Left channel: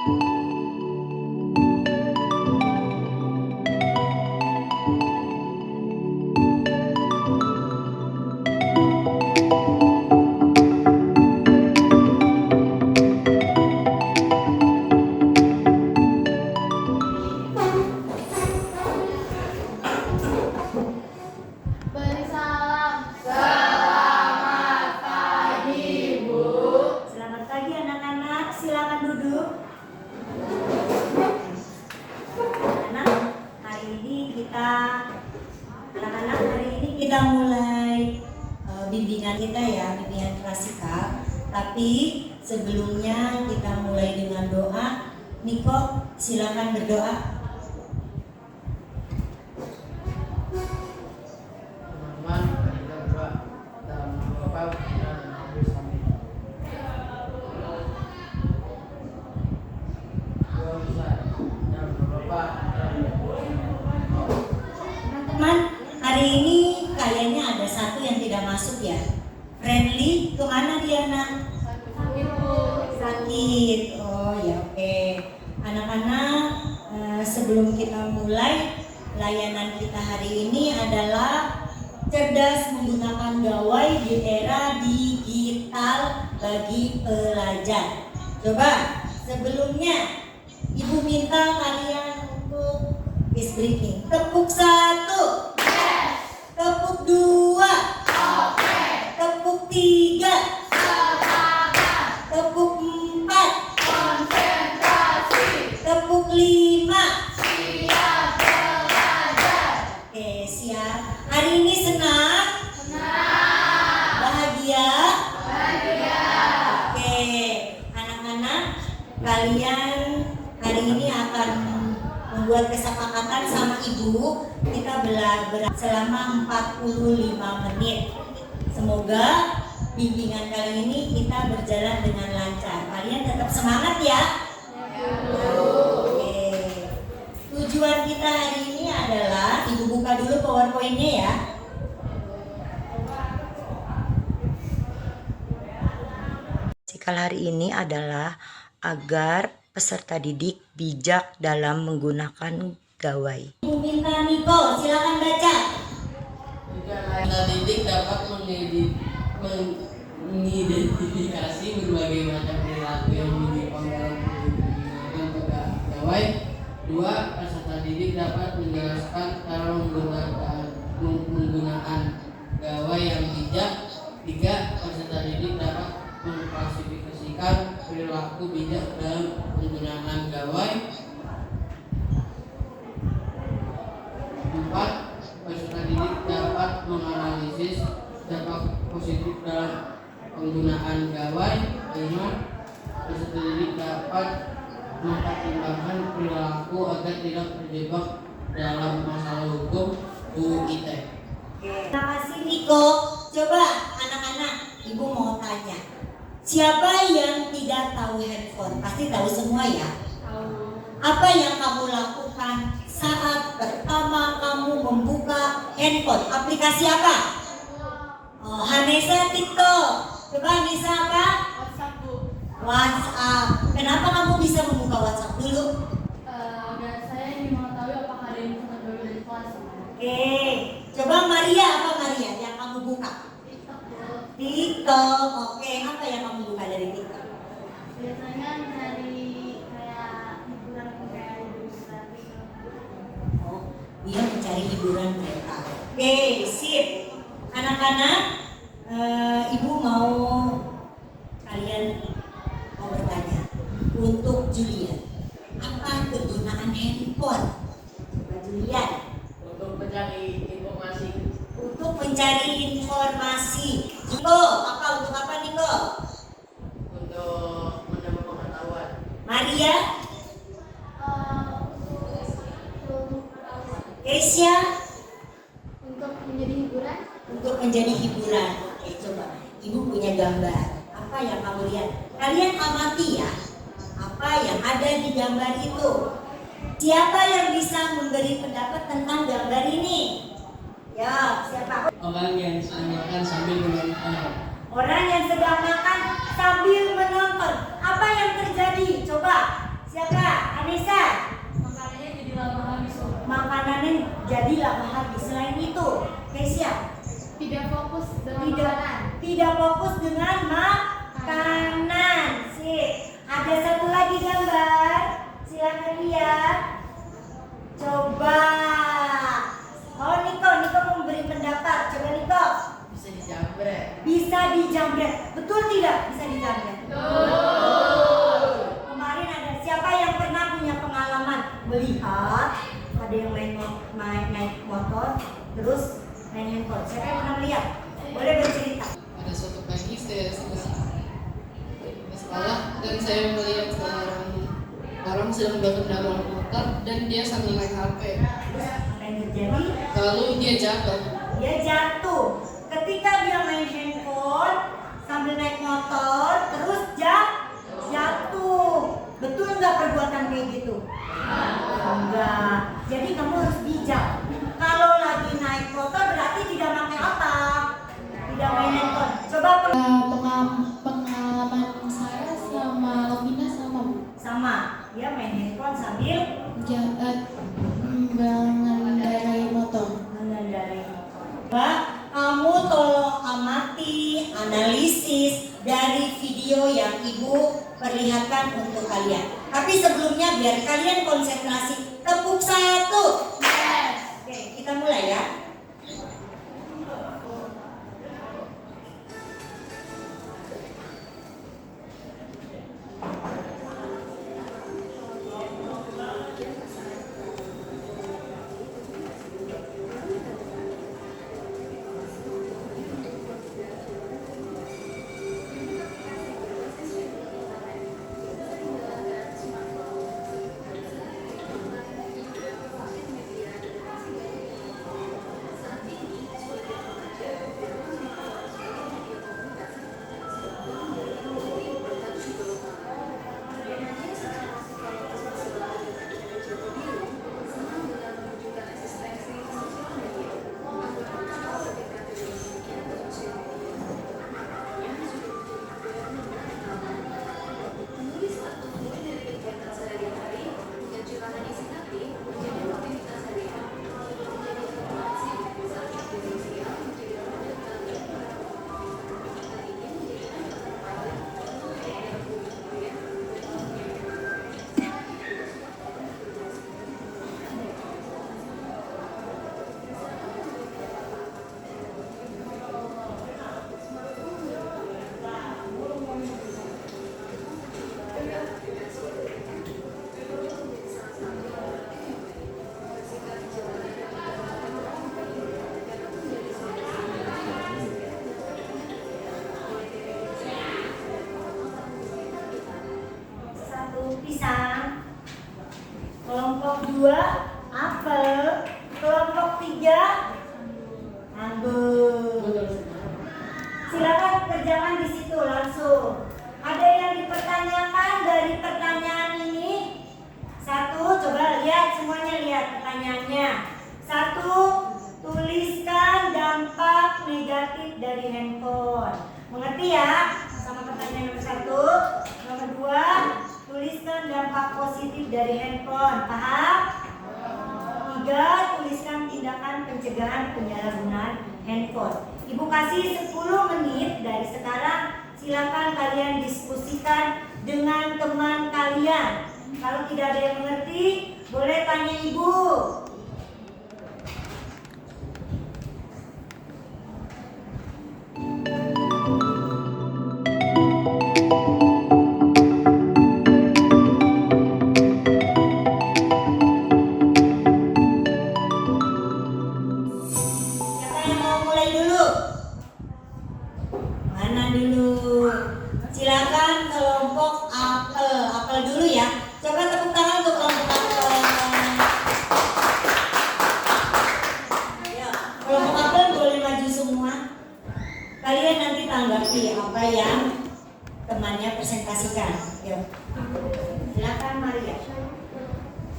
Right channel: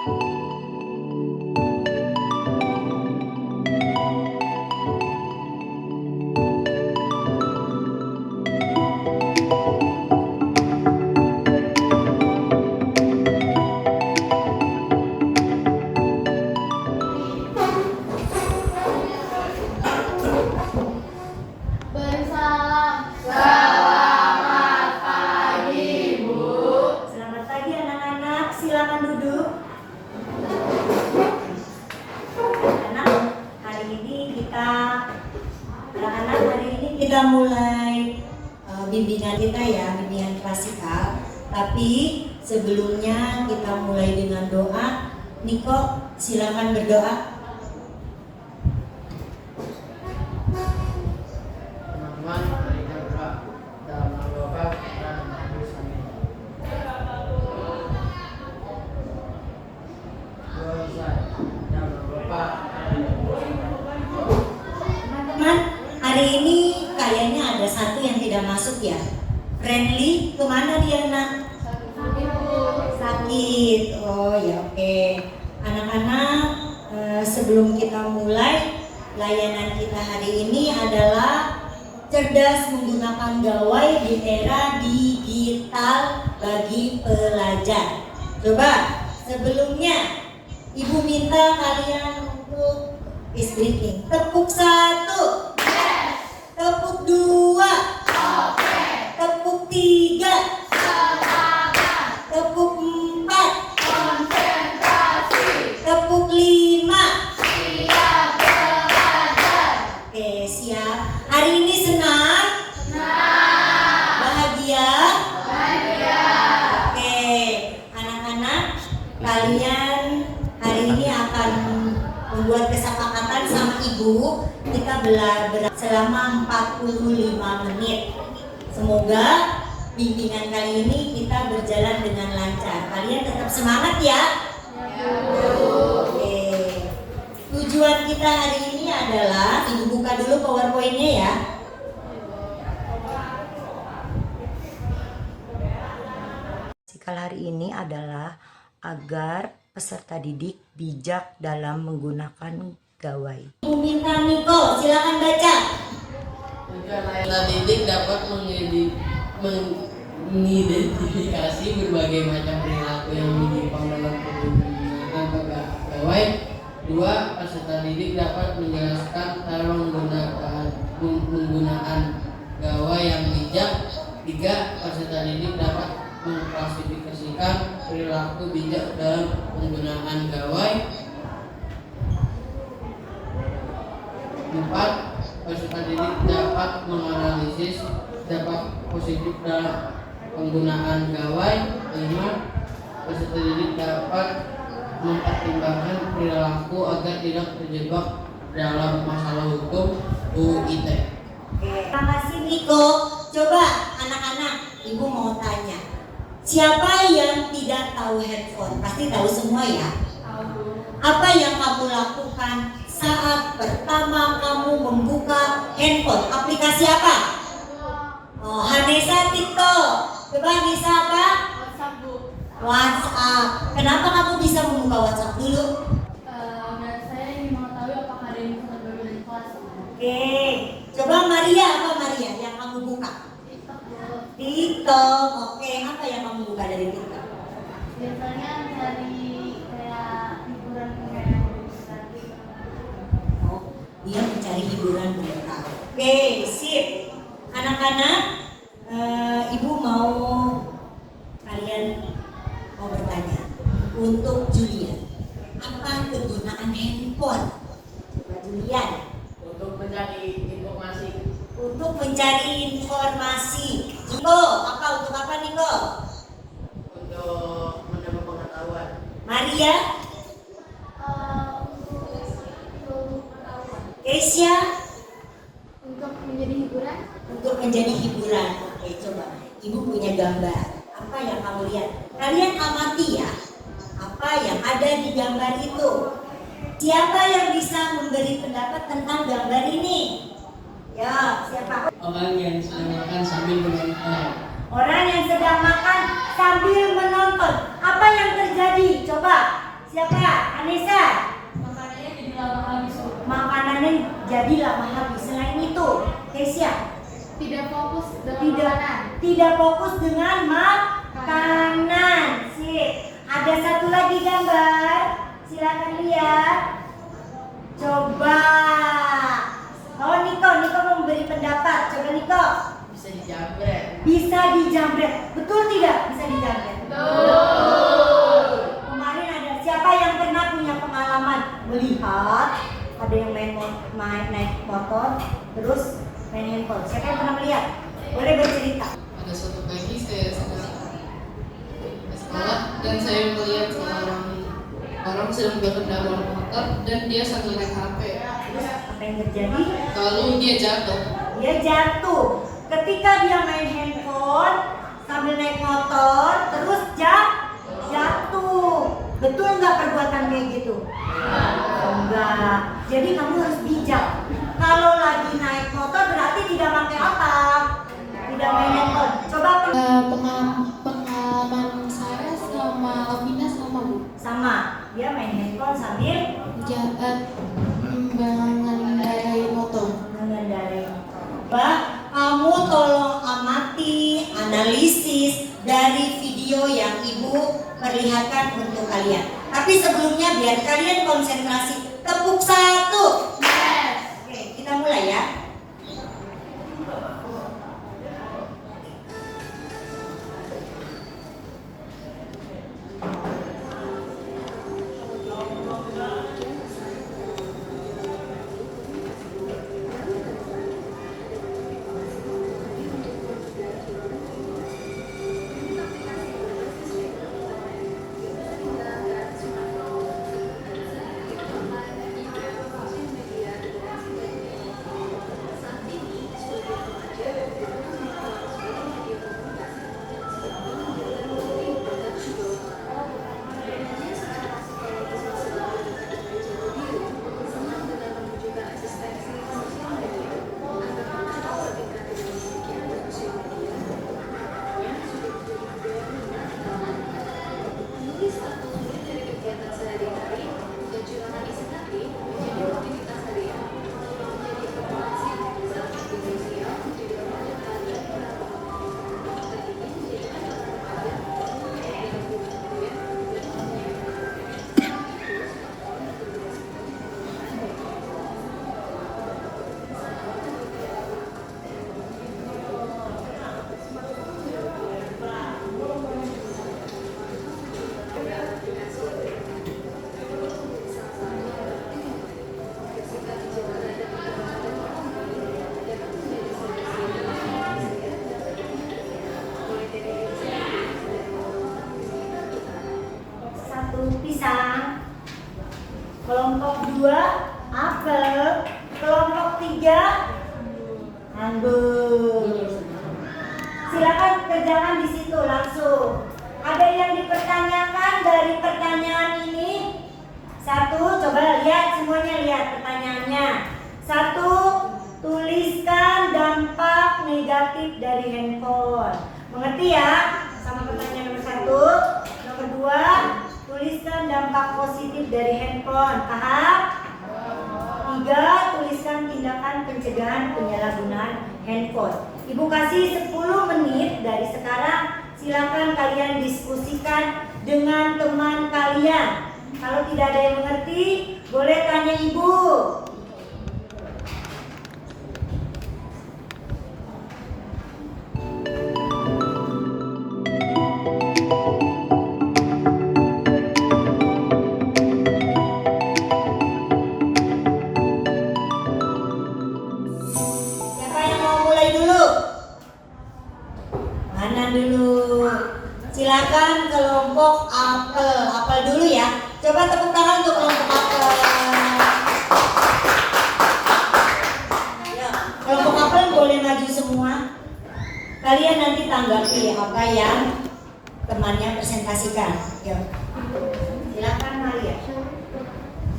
Bersalam. Selamat pagi, Bu. Selamat pagi anak-anak, silakan duduk. Anak-anak hari ini kita mulai bimbingan kita ya, bimbingan klasikal. Tapi sebelumnya kita mulai dengan doa. Niko, silakan berdoa. Teman-teman, mari kita berdoa dalam nama Bapa dan Roh Kudus. Amin. Doa selesai. Dalam nama Bapa dan Roh Kudus. Teman-teman, hari ini kayaknya ada satu yang tidak masuk ya. Friendly, kemana dia nak? Sakit. Oh ya, oke. Anak-anak, sebelum kita mulai layanan kita hari ini adalah cerdas menggunakan gawai di era digital bagi pelajar. Coba sebelumnya Ibu minta kalian untuk is breathing. Tepuk 1, tepuk 2, tepuk 3, tepuk 4, tepuk 5. Oke, siap. Hari ini senang? Bahagia? Oke, anak-anak, kalian hari ini akan membuat kesepakatan sama ibu. Kita belajar selama 45 menit. Semoga bimbingan kali ini kita berjalan dengan lancar. Kalian tetap semangat ya. Oke. Tujuan kita hari ini adalah, ibu buka dulu PowerPoint-nya ya. Cikal hari ini adalah agar peserta didik bijak dalam menggunakan gawai. Ibu minta Niko, silakan baca. Peserta didik dapat mengidentifikasi berbagai macam perilaku yang menyimpang dalam penggunaan gawai. 2. Peserta didik dapat menjelaskan cara menggunakan gawai yang bijak. 3. Peserta didik dapat mengklasifikasikan perilaku bijak dalam penggunaan gawai. 4. Peserta didik dapat menganalisis dampak positif dalam penggunaan gawai. 5. Peserta didik dapat mempertimbangkan perilaku agar tidak terjebak dalam masalah hukum UIT. Terima kasih Niko. Coba anak-anak, ibu mau tanya, siapa yang tidak tahu handphone? Pasti tahu semua ya. Apa yang kamu lakukan saat pertama kamu membuka handphone? Aplikasi apa? Oh, Hanesa TikTok. Coba Nisa apa? WhatsApp. Kenapa kamu bisa membuka WhatsApp dulu? Saya ingin mengetahui apakah ada yang bisa berbagi dari kelas. Oke. Coba Maria, apa Maria yang kamu buka? TikTok. Oke, apa yang kamu buka dari TikTok? Biasanya cari kayak hiburan kayak tadi. Oh, dia mencari hiburan mental. Oke, sip. Anak-anak, ibu mau kalian mau bertanya. Untuk Julian, apa kegunaan handphone? Coba Julian. Untuk mencari informasi. Untuk mencari informasi. Niko, untuk apa Niko? Untuk menambah pengetahuan. Maria? Keisha? Untuk menjadi hiburan. Untuk menjadi hiburan. Oke, coba. Ibu punya gambar. Apa yang kamu lihat? Kalian amati ya. Apa yang ada di gambar itu? Siapa yang bisa memberi pendapat tentang gambar ini? Ya, siapa? Orang yang sedang makan sambil menonton. Orang yang sedang makan sambil menonton. Apa yang terjadi? Coba. Siapa? Anissa. Makanannya jadi lama habis. Makanannya jadi lama habis. Selain itu, Kesia. Tidak fokus dengan Tidak, makanan. tidak fokus dengan makanan. Sip. Ada satu lagi gambar. Silakan lihat. Coba. Oh, Niko mau memberi pendapat. Coba Niko. Bisa dijabret. Bisa dijamret. Betul tidak? Bisa dijamret. Betul. Kemarin ada siapa yang pernah punya pengalaman melihat ada yang main naik motor terus main handphone? Siapa yang pernah melihat? Boleh bercerita. Ada suatu pagi saya sedang ke sekolah dan saya melihat orang sedang berkendara motor dan dia sambil main HP. Terus apa yang terjadi? Lalu dia jatuh. Dia jatuh. Ketika dia main handphone sambil naik motor terus jatuh. Betul nggak perbuatan kayak gitu? Oh, enggak. Jadi kamu harus bijak. Kalau lagi naik motor berarti tidak pakai apa? Tidak main handphone. Coba Pengalaman saya sama Lovina sama Bu. sama. Dia main handphone sambil Mengendarai motor. mengendarai motor. Kamu tolong amati, analisis dari video yang Ibu perlihatkan untuk kalian. Tapi sebelumnya biar kalian konsentrasi. Tepuk satu. Yes. Oke, kita mulai ya. Pisang, kelompok 2 apel, kelompok 3 anggur. Silakan kerjakan di situ langsung. Ada yang dipertanyakan dari pertanyaan ini? Satu, coba lihat semuanya, lihat pertanyaannya. Satu, tuliskan dampak negatif dari handphone. Mengerti ya? Sama pertanyaan nomor 1. Nomor 2, tuliskan dampak positif dari handphone. Paham? 3, tuliskan tindakan pencegahan penyalahgunaan handphone. Ibu kasih 10 menit dari sekarang. Silakan kalian diskusikan dengan teman kalian. Kalau tidak ada yang mengerti, boleh tanya ibu. Siapa yang mau mulai dulu? Mana dulu? Silakan kelompok apel. Apel dulu ya. Coba tepuk tangan untuk kelompok apel. Ya, kelompok apel boleh maju semua. Kalian nanti tanggapi apa yang temannya presentasikan. Yuk. Silakan Maria.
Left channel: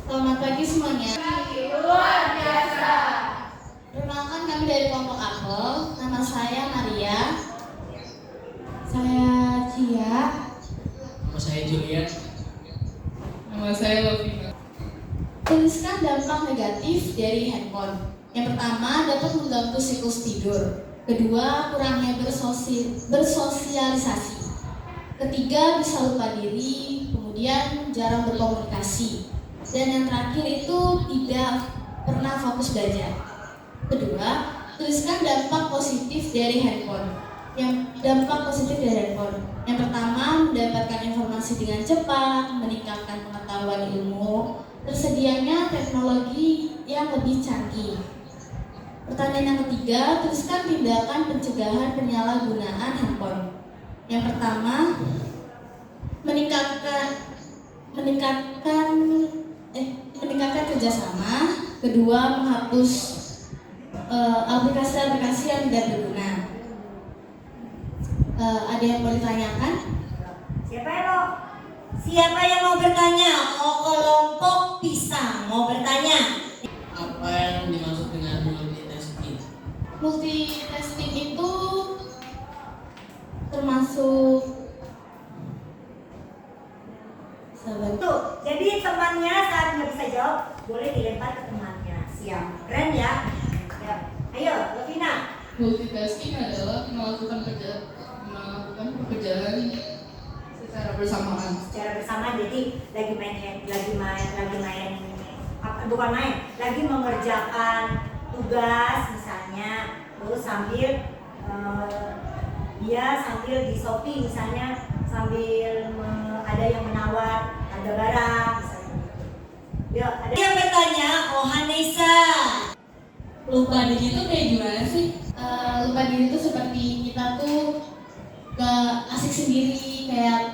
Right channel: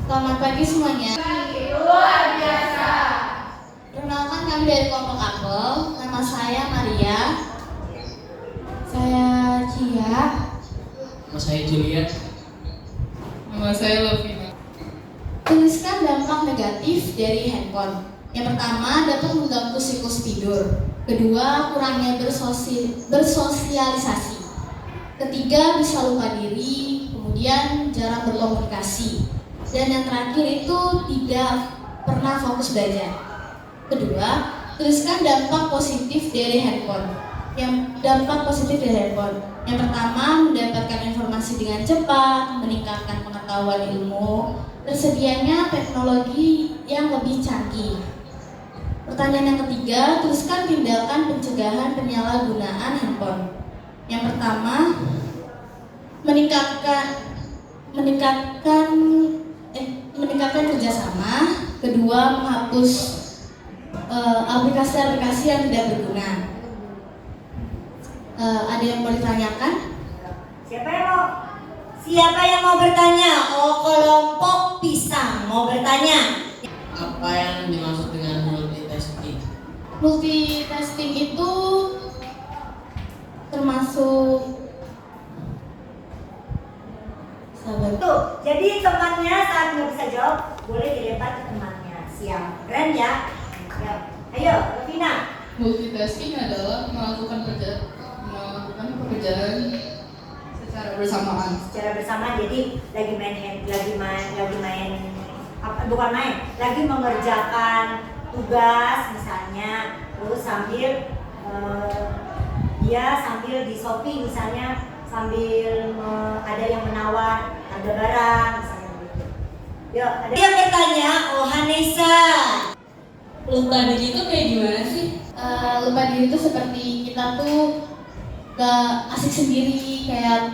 Selamat pagi semuanya. Luar biasa. Perkenalkan kami dari kelompok apel. Nama saya Maria. Saya Cia. Nama saya Juliet. Nama Nama saya Lovina. Tuliskan dampak negatif dari handphone. Yang pertama, dapat mengganggu siklus tidur. Kedua, kurangnya bersosialisasi. Ketiga, bisa lupa diri. Kemudian, jarang berkomunikasi. Dan yang terakhir itu tidak pernah fokus belajar. Kedua, tuliskan dampak positif dari handphone. Yang pertama, mendapatkan informasi dengan cepat, meningkatkan pengetahuan ilmu, tersedianya teknologi yang lebih canggih. Pertanyaan yang ketiga, tuliskan tindakan pencegahan penyalahgunaan handphone. Yang pertama, meningkatkan kerjasama. Kedua, menghapus aplikasi-aplikasi yang tidak berguna. Ada yang mau ditanyakan? Siapa yang mau bertanya? Oh, kelompok pisang mau bertanya. Apa yang dimaksud dengan multitasking? Multitasking itu termasuk Tuh, jadi temannya saat nggak bisa jawab boleh dilempar ke temannya. Siap, keren ya. Ya. Ayo, Lovina. Multitasking adalah melakukan pekerjaan secara bersamaan. Secara bersama, jadi lagi mengerjakan tugas misalnya, terus sambil dia sambil di Shopee misalnya, sambil ada yang menawar ada barang misalnya gitu. Yuk, ada yang bertanya. Oh, Hanesa. Lupa diri itu kayak gimana sih? lupa diri itu seperti kita tuh gak asik sendiri, kayak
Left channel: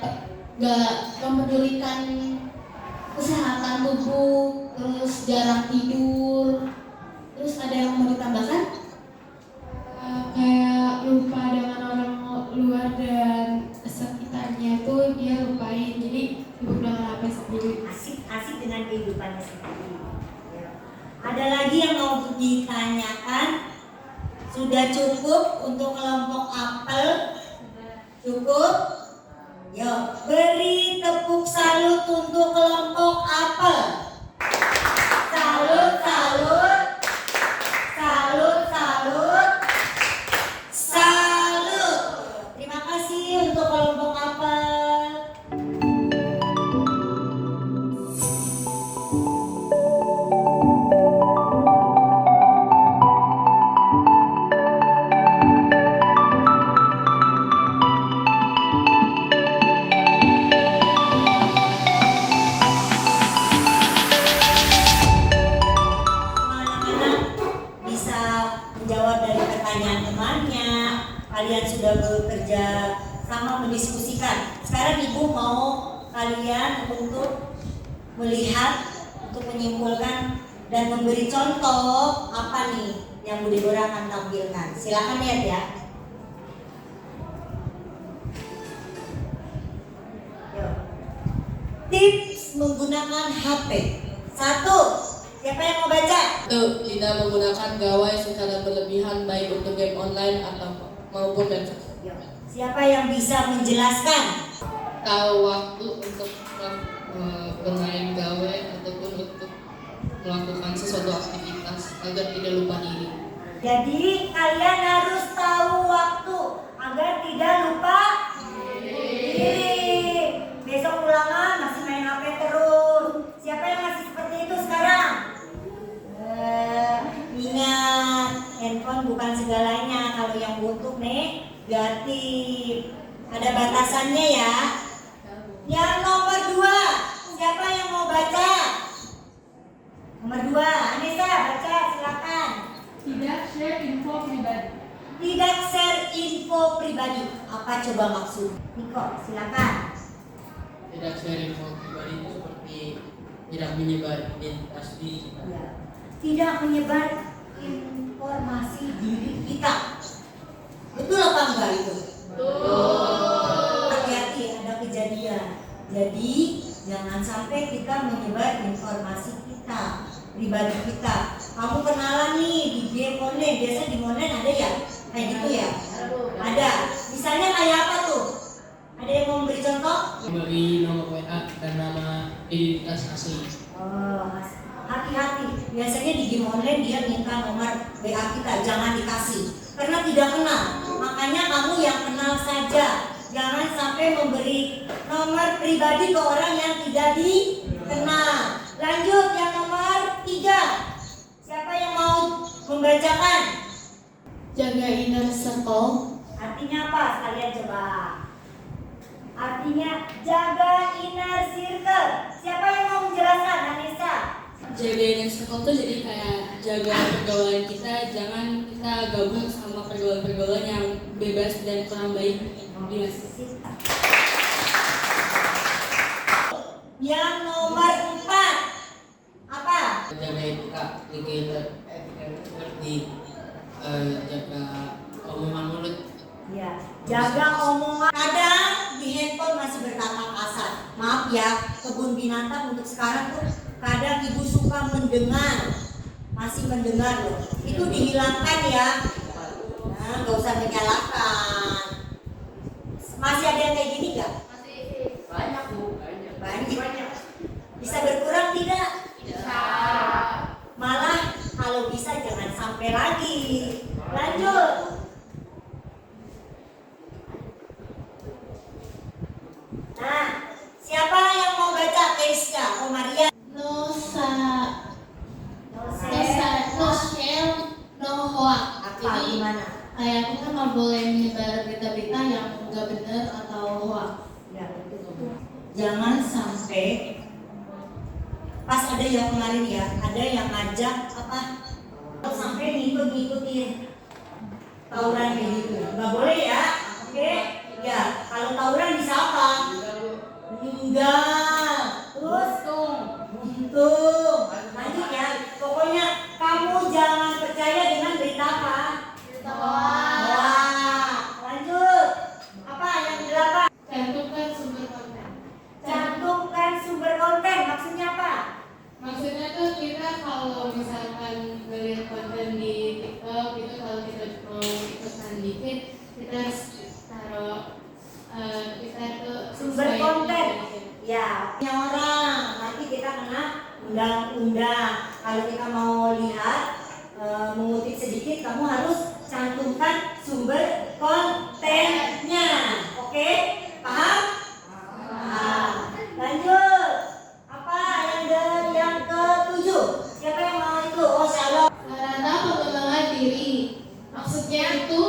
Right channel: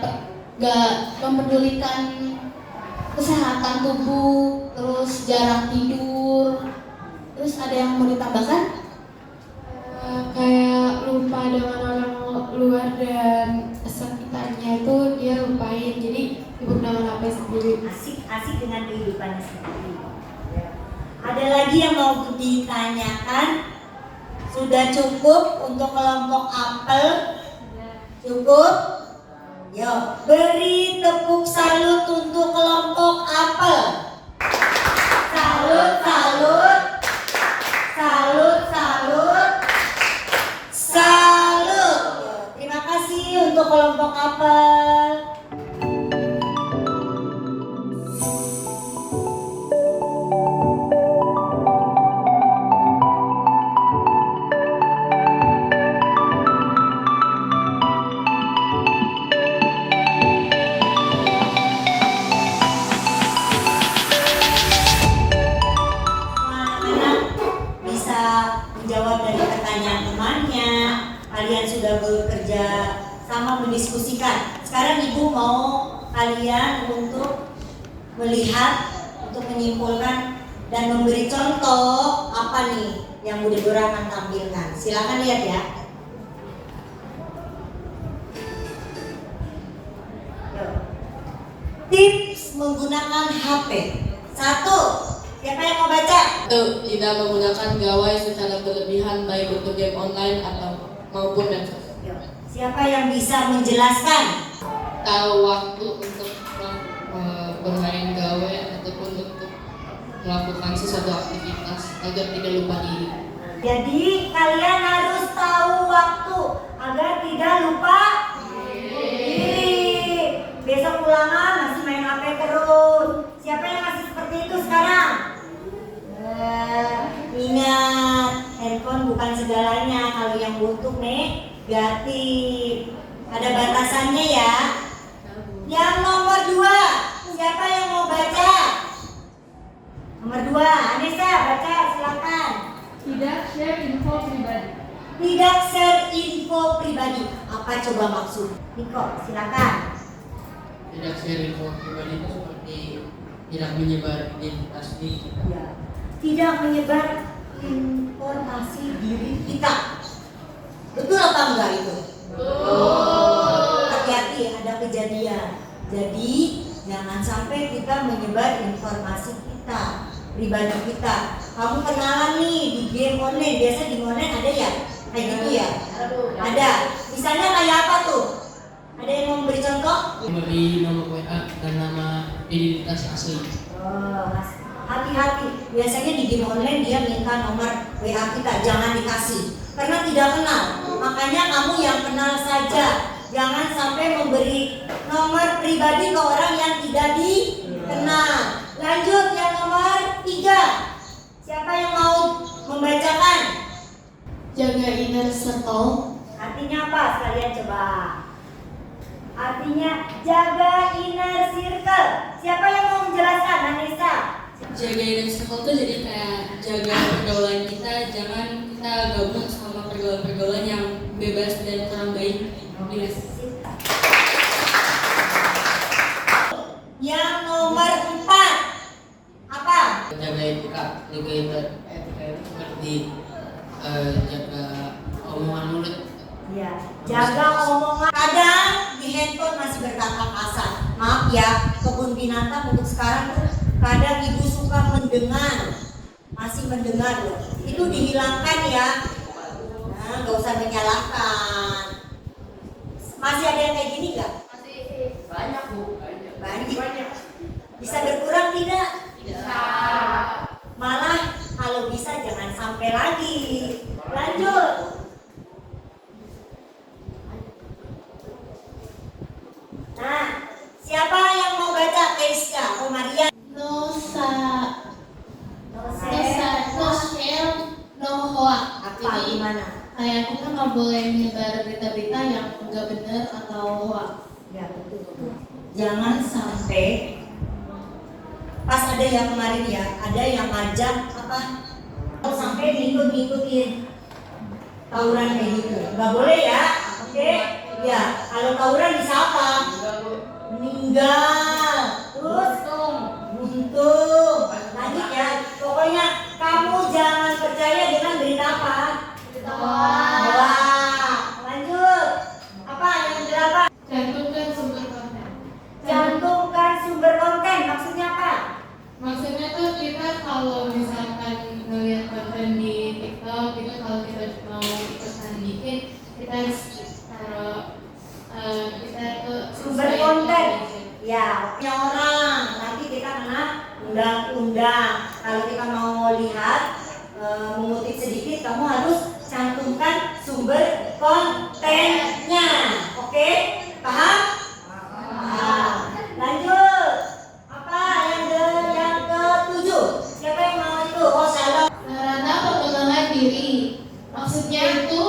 gak mempedulikan kesehatan tubuh, terus jarang tidur. Terus ada yang mau ditambahkan? Kayak lupa dengan orang luar dan sekitarnya itu dia lupain, jadi sibuk dengan HP sendiri. Asik dengan kehidupannya sendiri. Ada lagi yang mau ditanyakan? Sudah cukup untuk kelompok apel? Cukup? Yuk, beri tepuk salut untuk kelompok apel. Salut, salut. Salut, salut. Salut. Terima kasih untuk kelompok apel. Kalian sudah bekerja sama, mendiskusikan. Sekarang ibu mau kalian untuk melihat, untuk menyimpulkan dan memberi contoh apa nih yang Budi Dora akan tampilkan. Silakan lihat ya. Yuk. Tips menggunakan HP. 1. Siapa yang mau baca? Tidak menggunakan gawai secara berlebihan, baik untuk game online atau maupun medsos. Siapa yang bisa menjelaskan? Tahu waktu untuk bermain gawai ataupun untuk melakukan sesuatu aktivitas agar tidak lupa diri. Jadi kalian harus tahu waktu agar tidak lupa diri. Besok ulangan masih main HP terus. Siapa yang masih seperti itu sekarang? Ingat, handphone bukan segalanya. Kalau yang butuh negatif, ada batasannya ya. Yang nomor 2, siapa yang mau baca? Nomor 2, Anissa baca, silakan. Tidak share info pribadi. Tidak share info pribadi. Apa coba maksud? Niko, silakan. Tidak share info pribadi itu seperti tidak menyebar identitas diri. Ya. Tidak menyebar informasi diri kita. Betul apa enggak itu? Betul. Hati-hati, ada kejadian. Jadi jangan sampai kita menyebar informasi kita, pribadi kita. Kamu kenalan nih di game online, biasa di online ada ya? Kayak gitu ya? Ada. Misalnya kayak apa tuh? Ada yang mau memberi contoh? Memberi nomor WA dan nama identitas asli. Hati-hati, biasanya di game online dia minta nomor WA kita, jangan dikasih karena tidak kenal. Makanya kamu yang kenal saja, jangan sampai memberi nomor pribadi ke orang yang tidak dikenal. Lanjut yang nomor 3, siapa yang mau membacakan? Jaga inner circle. Artinya apa? Sekalian coba. Artinya jaga inner circle. Siapa yang mau menjelaskan? Anissa. Jaga inner circle tuh jadi kayak jaga pergaulan kita, jangan kita gabung sama pergaulan-pergaulan yang bebas dan kurang baik. Yang nomor 4 apa? Jaga etika, seperti jaga omongan mulut. Ya, jaga omongan. Kadang di handphone masih berkata kasar. Maaf ya, kebun binatang untuk sekarang tuh kadang ibu suka mendengar, masih mendengar loh. Itu dihilangkan ya. Nah, nggak usah menyalahkan. Masih ada yang kayak gini nggak? Banyak Bu, Banyak. Bisa berkurang tidak? Malah kalau bisa jangan sampai lagi. Lanjut. Nah, siapa yang mau baca tesnya? Oh Maria. No share, no hoax. Apa gimana? Kayak kita nggak boleh menyebar berita-berita yang nggak benar atau hoax. Ya betul. Jangan sampai pas ada yang kemarin ya, ada yang ngajak apa? Kalau sampai ngikut-ngikutin tawuran kayak gitu, nggak boleh ya. Oke? Ya, kalau tawuran bisa apa? Meninggal. Terus buntung. Lanjut ya. Pokoknya kamu jangan percaya dengan berita apa? Wah. Lanjut. Apa yang berapa? Cantumkan sumber konten. Cantumkan sumber konten. Maksudnya apa? Maksudnya tuh kita kalau misalkan ngeliat konten di TikTok itu kalau kita mau ikutan dikit kita harus taruh kita tuh Sumber sesuai konten. dengan Ya, orang. Nanti kita kena undang-undang. Kalau kita mau lihat mengutip sedikit, kamu harus cantumkan sumber kontennya. Oke? Paham? Lanjut. Apa yang ke-7? Siapa yang mau itu? Oh, Shalom. sarana pengembangan diri. Maksudnya itu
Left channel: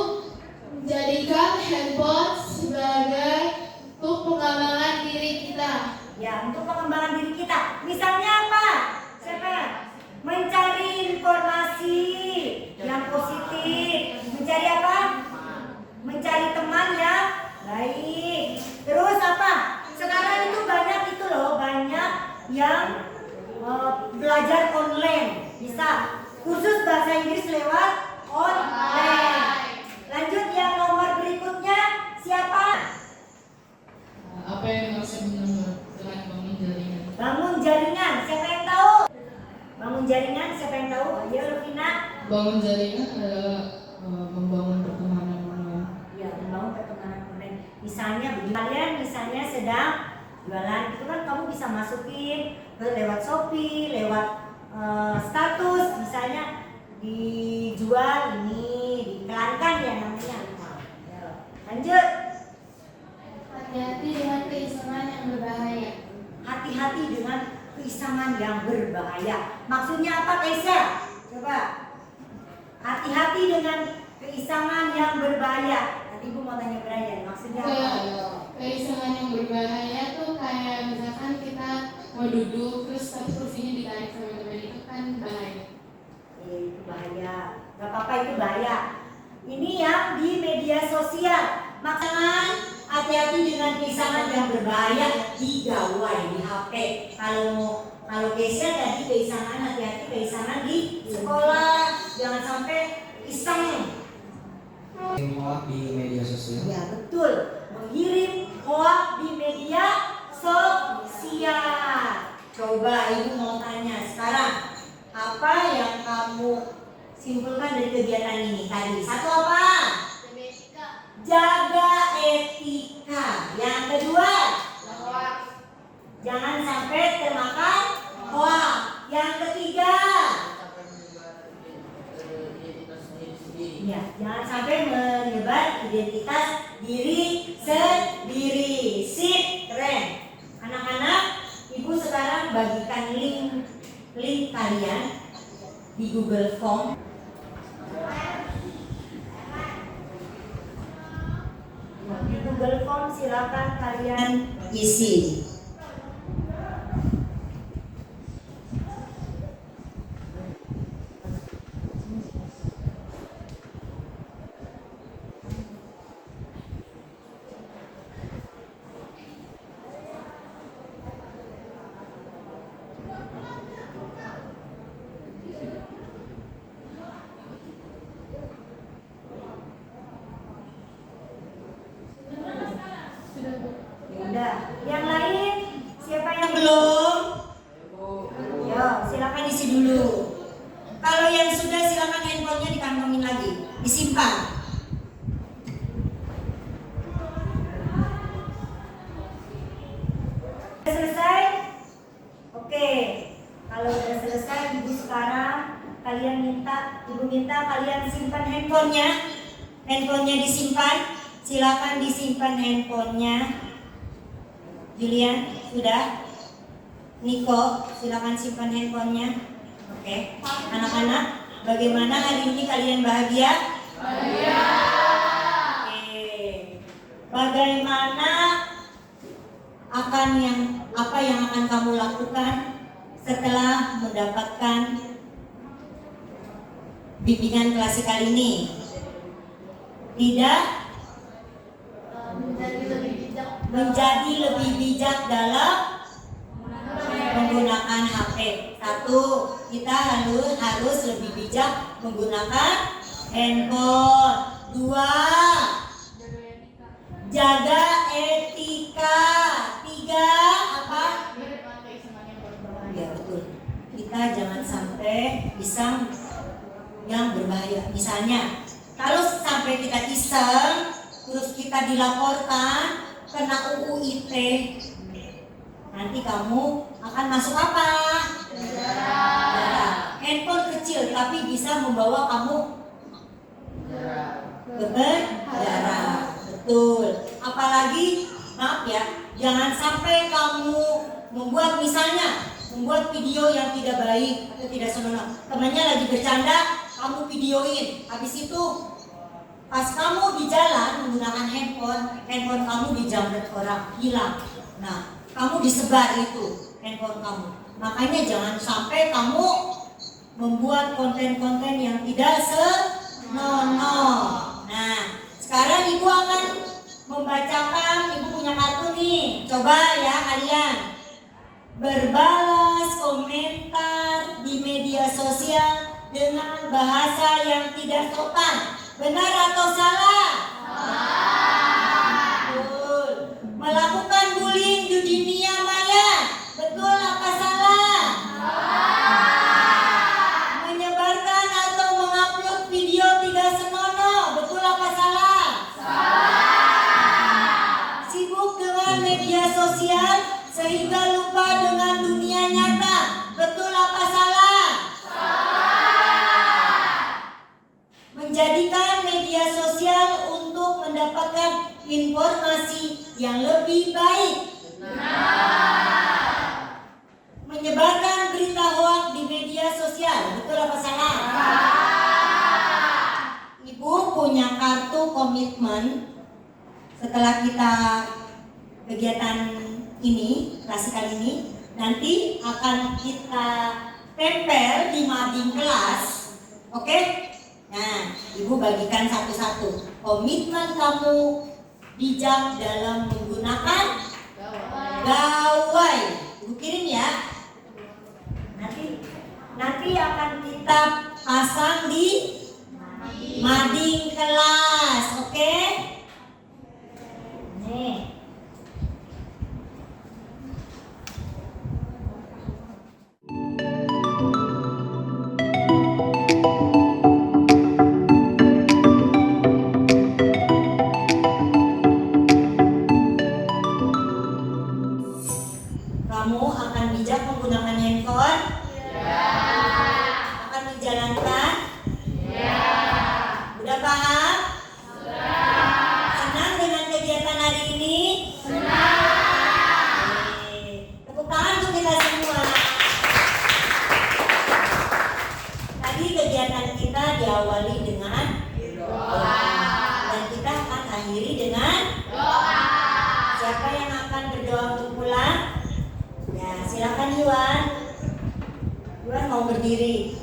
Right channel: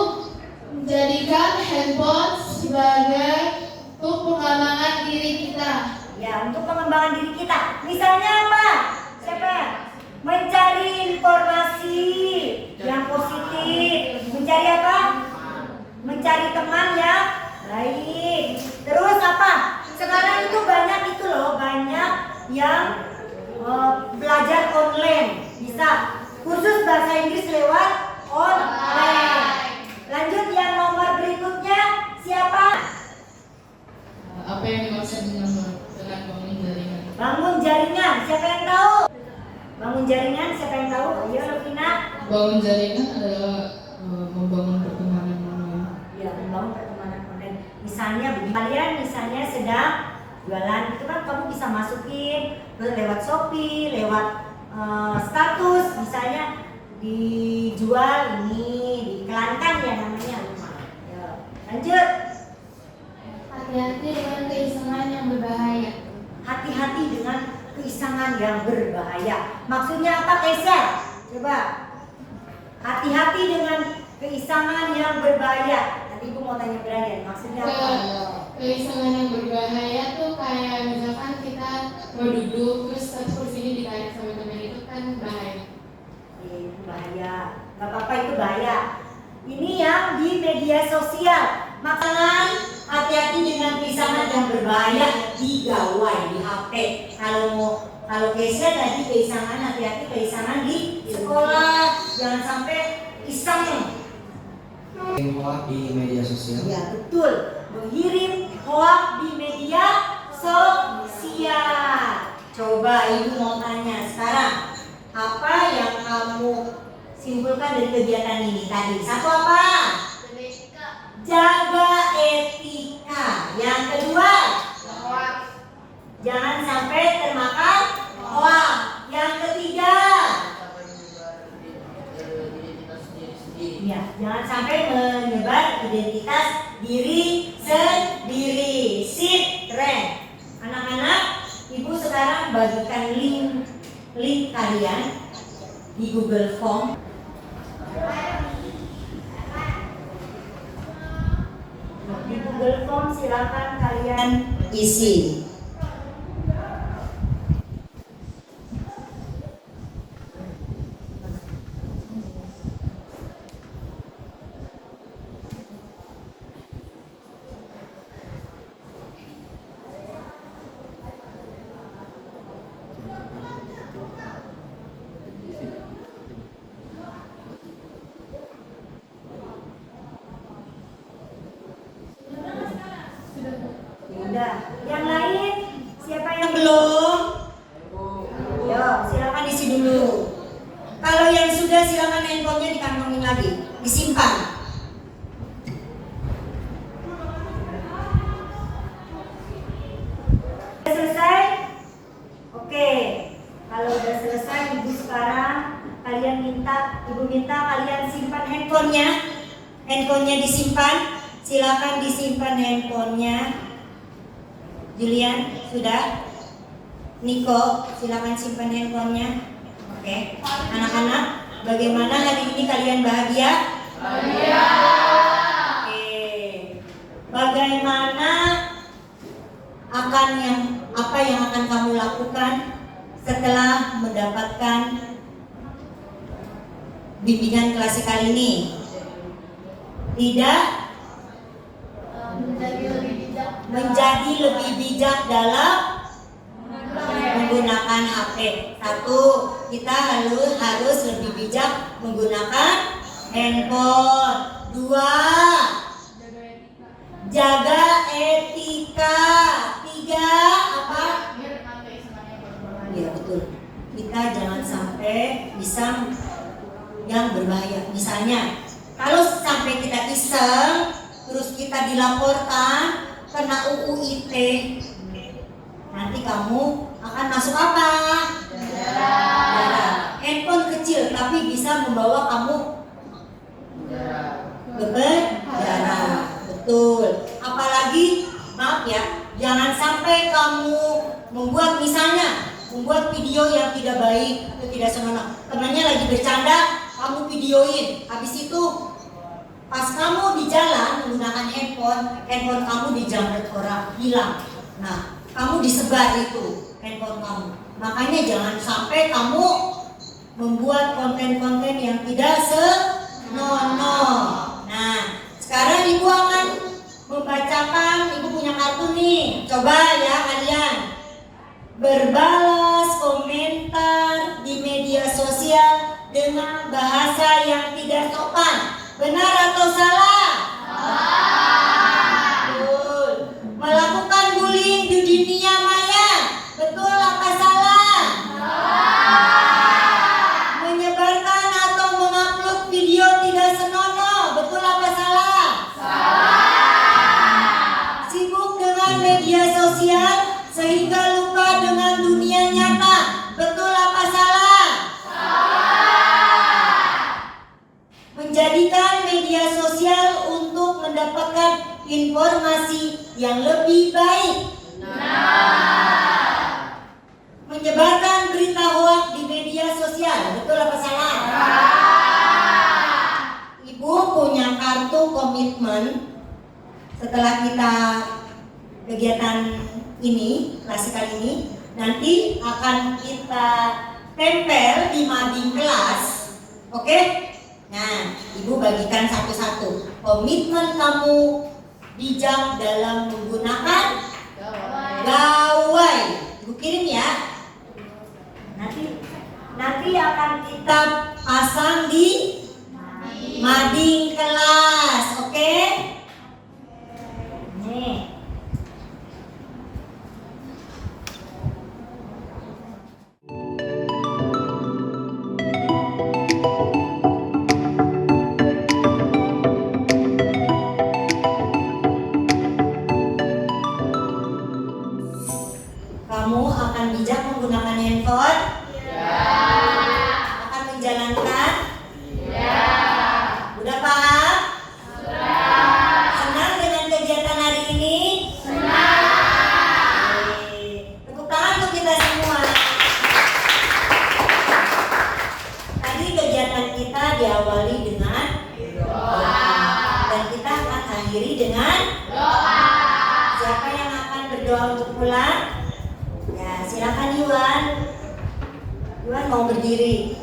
menjadikan handphone sebagai untuk pengembangan diri kita. Ya, untuk pengembangan diri kita. Misalnya apa? Siapa? Mencari informasi yang positif. Mencari apa? Mencari teman yang baik. Terus apa? Sekarang itu banyak itu loh, banyak yang belajar online. Bisa kursus bahasa Inggris lewat online. Lanjut yang nomor berikutnya siapa? Apa yang dimaksud dengan bangun jaringan? Bangun jaringan. Siapa yang tahu? Bangun jaringan. Siapa yang tahu? Ayo Lovina. Bangun jaringan adalah membangun pertemanan online. Ya, membangun pertemanan online. Misalnya begini, kalian misalnya sedang jualan, itu kan kamu bisa masukin lewat Shopee, lewat status, misalnya dijual ini, diiklankan ya namanya rumah. Ya. Lanjut. Hati-hati dengan keisengan yang berbahaya. Hati-hati dengan keisengan yang berbahaya. Maksudnya apa, Keisha? Coba. Hati-hati dengan keisengan yang berbahaya. Nanti Ibu mau tanya Brian, maksudnya apa? Keisengan yang berbahaya tuh kayak misalkan kita mau duduk terus satu kursinya ditarik sama teman itu kan bahaya. Itu bahaya. Gak apa-apa, itu bahaya. Ini yang di media sosial. Makanya hati-hati dengan keisengan yang berbahaya di gawai, di HP. Kalau Keisha tadi keisengan, hati-hati keisengan di sekolah. Jangan sampai iseng. Hoax di media sosial. Ya betul, mengirim hoax di media sosial. Coba Ibu mau tanya sekarang, apa yang kamu simpulkan dari kegiatan ini tadi? Satu apa? Jaga etika. Yang kedua, Jangan sampai termakan hoax. Yang ketiga, ya, jangan sampai menyebar identitas diri sendiri. Sip, keren. Anak-anak, ibu sekarang bagikan link kalian di Google Form. Di Google Form silakan kalian isi. Udah. Yang lain siapa yang belum? Yo, silakan isi dulu. Kalau yang sudah silakan handphonenya dikantongin lagi, disimpan. Sudah selesai? Oke. Kalau udah selesai, ibu sekarang ibu minta kalian simpan handphonenya. Handphonenya disimpan. Silakan disimpan handphonenya. Julian, sudah? Niko, silakan simpan handphonenya. Oke. Anak-anak, bagaimana hari ini kalian bahagia? Bahagia. Oke. Bagaimana apa yang akan kamu lakukan setelah mendapatkan bimbingan klasikal ini? Tidak menjadi lebih bijak dalam menggunakan HP. Satu, kita harus lebih bijak menggunakan handphone. Dua, jaga etika. Tiga, apa? Ya betul. Kita jangan sampai bisa yang berbahaya. Misalnya, kalau sampai kita iseng, terus kita dilaporkan kena UU ITE, nanti kamu akan masuk apa? Penjara. Handphone kecil tapi bisa membawa kamu ke penjara. Betul. Apalagi, maaf ya, jangan sampai kamu membuat video yang tidak baik atau tidak senonoh. Temannya lagi bercanda, kamu videoin. Habis itu pas kamu di jalan menggunakan handphone kamu dijamret orang, hilang. Nah, kamu disebar itu handphone kamu. Makanya jangan sampai kamu membuat konten-konten yang tidak senonoh. Nah, sekarang ibu akan membacakan, ibu punya kartu nih. Coba ya kalian berbalas komentar di media sosial dengan bahasa yang tidak sopan. Benar atau salah? Betul. Melakukan bullying di dunia maya. Betul apa salah? Menyebarkan atau mengupload video tidak senonoh. Betul apa salah? Sibuk dengan media sosial sehingga lupa dengan dunia nyata. Betul apa salah? Menjadikan media sosial untuk mendapatkan informasi yang lebih baik. Menyebarkan berita hoaks di media sosial. Betul apa salah? Ibu punya kartu komitmen. Setelah kita kegiatan ini, klasikal ini, nanti akan kita tempel di mading kelas. Oke? Nah, ibu bagikan satu-satu. Komitmen kamu bijak dalam menggunakan gawai. Ibu kirim ya. Nanti akan kita pasang di mading kelas, oke? Nih. berdoa untuk pulang? Ya, silakan Yuan. Yuan mau berdiri.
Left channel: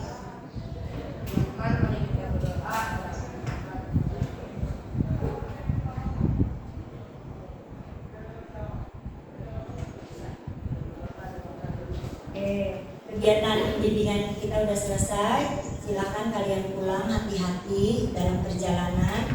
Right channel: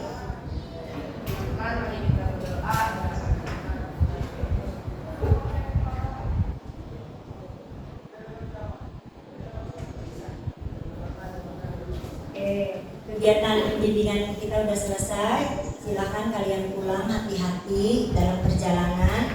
Kegiatan pembimbingan kita udah selesai. Silakan kalian pulang hati-hati dalam perjalanan.